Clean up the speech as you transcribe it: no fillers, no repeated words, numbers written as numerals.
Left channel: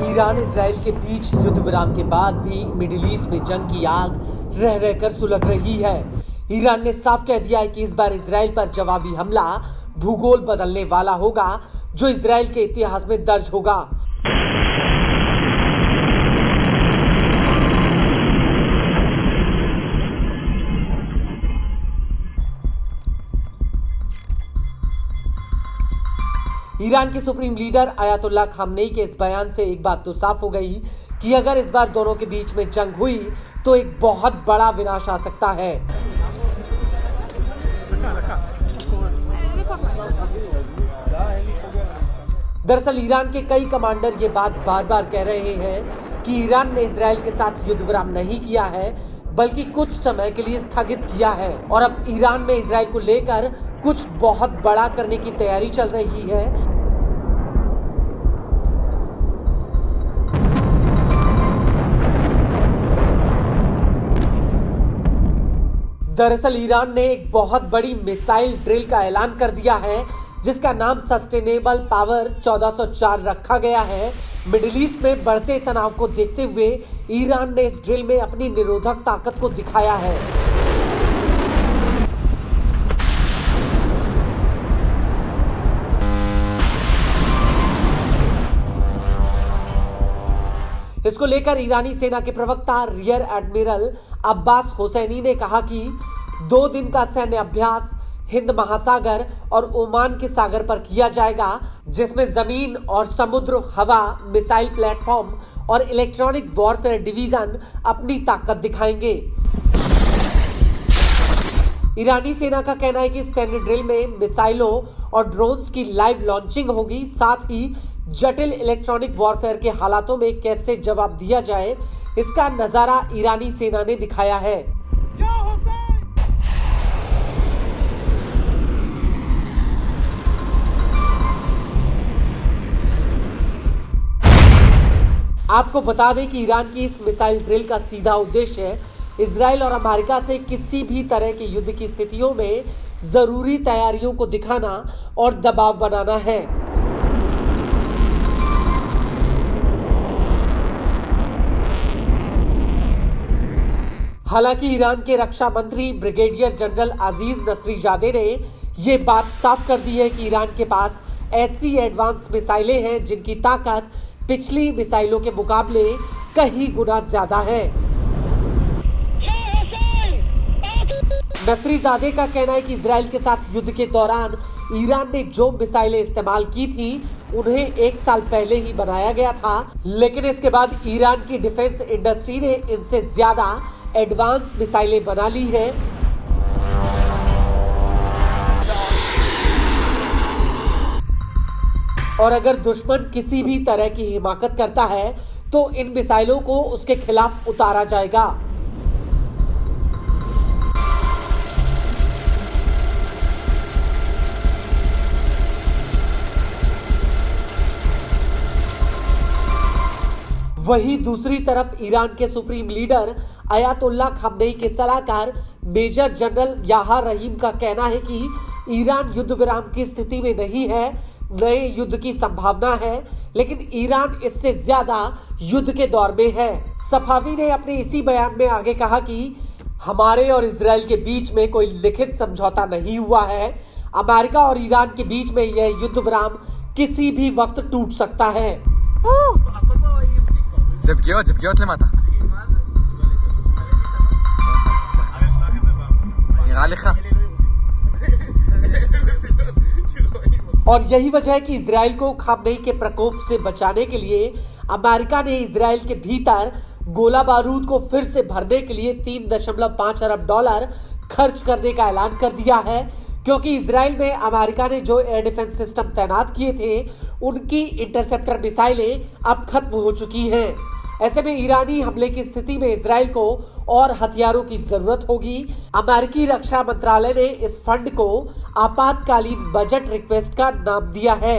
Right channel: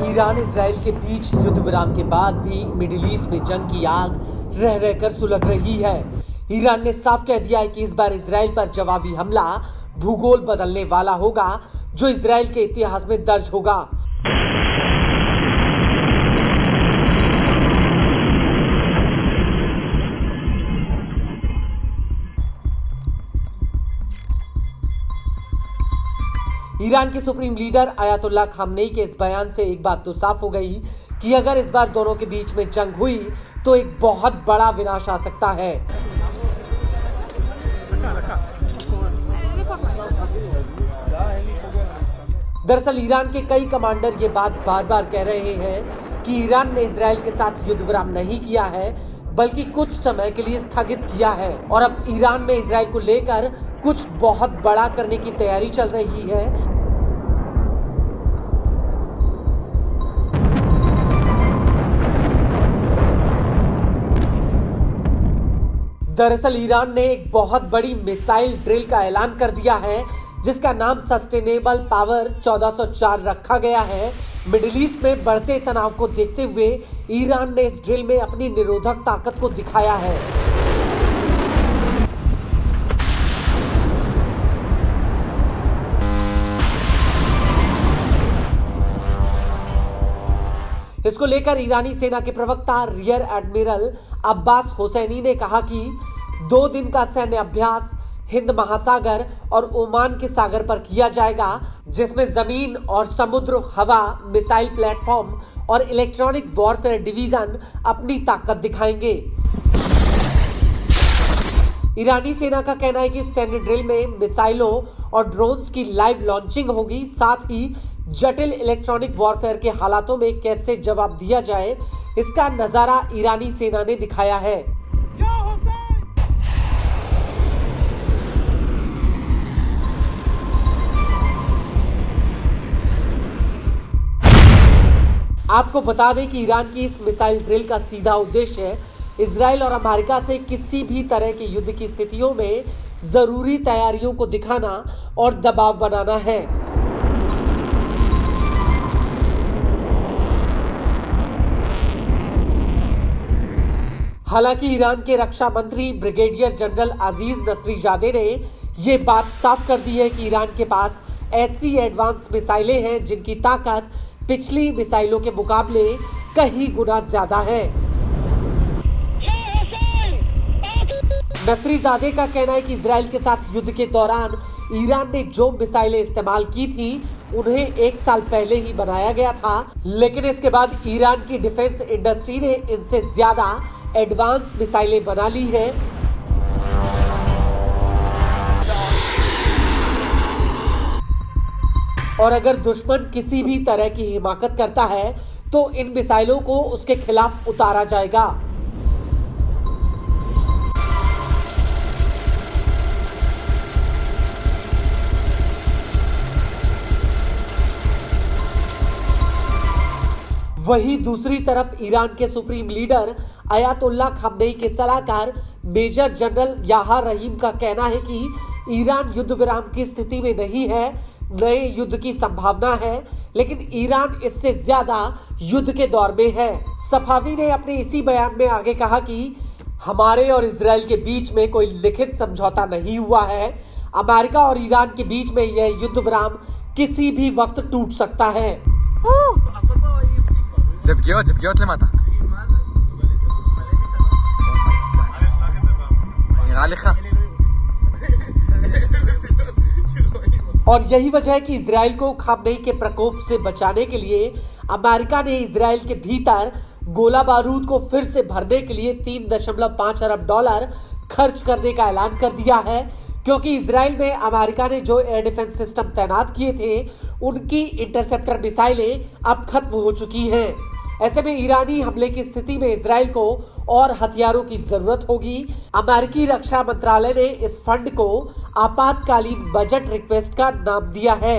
Iran Israel के बीच युद्ध विराम के बाद भी मिडिल ईस्ट में जंग की आग रह रहकर सुलग रही है। ईरान ने साफ कह दिया है कि इस बार इजराइल पर जवाबी हमला भूगोल बदलने वाला होगा, जो इजराइल के इतिहास में दर्ज होगा। ईरान के सुप्रीम लीडर अयातुल्लाह खामनेई के इस बयान से एक बात तो साफ हो गई कि अगर इस बार दोनों के बीच में जंग हुई तो एक बहुत बड़ा विनाश आ सकता है। दरअसल ईरान के कई कमांडर ये बात बार बार कह रहे हैं कि ईरान ने इजराइल के साथ युद्ध विराम नहीं किया है, बल्कि कुछ समय के लिए स्थगित किया है और अब ईरान में इजराइल को लेकर कुछ बहुत बड़ा करने की तैयारी चल रही है। दरअसल ईरान ने एक बहुत बड़ी मिसाइल ड्रिल का ऐलान कर दिया है, जिसका नाम सस्टेनेबल पावर 1404 रखा गया है। मिडिल ईस्ट में बढ़ते तनाव को देखते हुए ईरान ने इस ड्रिल में अपनी निरोधक ताकत को दिखाया है। इसको लेकर ईरानी सेना के प्रवक्ता रियर एडमिरल अब्बास हुसैनी ने कहा कि 2 दिन का सैन्य अभ्यास हिंद महासागर और ओमान के सागर पर किया जाएगा, जिसमें जमीन और समुद्र, हवा, मिसाइल प्लेटफॉर्म और इलेक्ट्रॉनिक वॉरफेयर डिवीजन अपनी ताकत दिखाएंगे। ईरानी सेना का कहना है कि सैन्य ड्रिल में मिसाइलों और ड्रोन्स की लाइव लॉन्चिंग होगी, साथ ही जटिल इलेक्ट्रॉनिक वॉरफेयर के हालातों में कैसे जवाब दिया जाए, इसका नजारा ईरानी सेना ने दिखाया है। आपको बता दें कि ईरान की इस मिसाइल ड्रिल का सीधा उद्देश्य इजराइल और अमेरिका से किसी भी तरह के युद्ध की स्थितियों में जरूरी तैयारियों को दिखाना और दबाव बनाना है। हालांकि ईरान के रक्षा मंत्री ब्रिगेडियर जनरल अजीज नसरीजादे ने यह बात साफ कर दी है कि ईरान के पास ऐसी एडवांस मिसाइलें हैं जिनकी ताकत पिछली मिसाइलों के मुकाबले कई गुना ज्यादा है। नसरीजादे का कहना है कि इजराइल के साथ युद्ध के दौरान ईरान ने जो मिसाइलें इस्तेमाल की थी उन्हें 1 साल पहले ही बनाया गया था, लेकिन इसके बाद ईरान की डिफेंस इंडस्ट्री ने इनसे ज्यादा एडवांस मिसाइलें बना ली है। और अगर दुश्मन किसी भी तरह की हिमाकत करता है तो इन मिसाइलों को उसके खिलाफ उतारा जाएगा। वहीं दूसरी तरफ ईरान के सुप्रीम लीडर अयातुल्लाह खामनेई के सलाहकार मेजर जनरल याहा रहीम का कहना है कि ईरान युद्ध विराम की स्थिति में नहीं है, नए युद्ध की संभावना है, लेकिन ईरान इससे ज्यादा युद्ध के दौर में है। सफावी ने अपने इसी बयान में आगे कहा कि हमारे और इजराइल के बीच में कोई लिखित समझौता नहीं हुआ है। अमेरिका और ईरान के बीच में यह युद्ध विराम किसी भी वक्त टूट सकता है। זה פגיעות למטה. נראה לך? और यही वजह है कि इजराइल को खामनेई के प्रकोप से बचाने के लिए अमेरिका ने इजराइल के भीतर गोला बारूद को फिर से भरने के लिए $3.5 अरब खर्च करने का ऐलान कर दिया है, क्योंकि इजराइल में अमेरिका ने जो एयर डिफेंस सिस्टम तैनात किए थे उनकी इंटरसेप्टर मिसाइलें अब खत्म हो चुकी हैं। ऐसे में ईरानी हमले की स्थिति में इजराइल को और हथियारों की जरूरत होगी। अमेरिकी रक्षा मंत्रालय ने इस फंड को आपातकालीन बजट रिक्वेस्ट का नाम दिया है।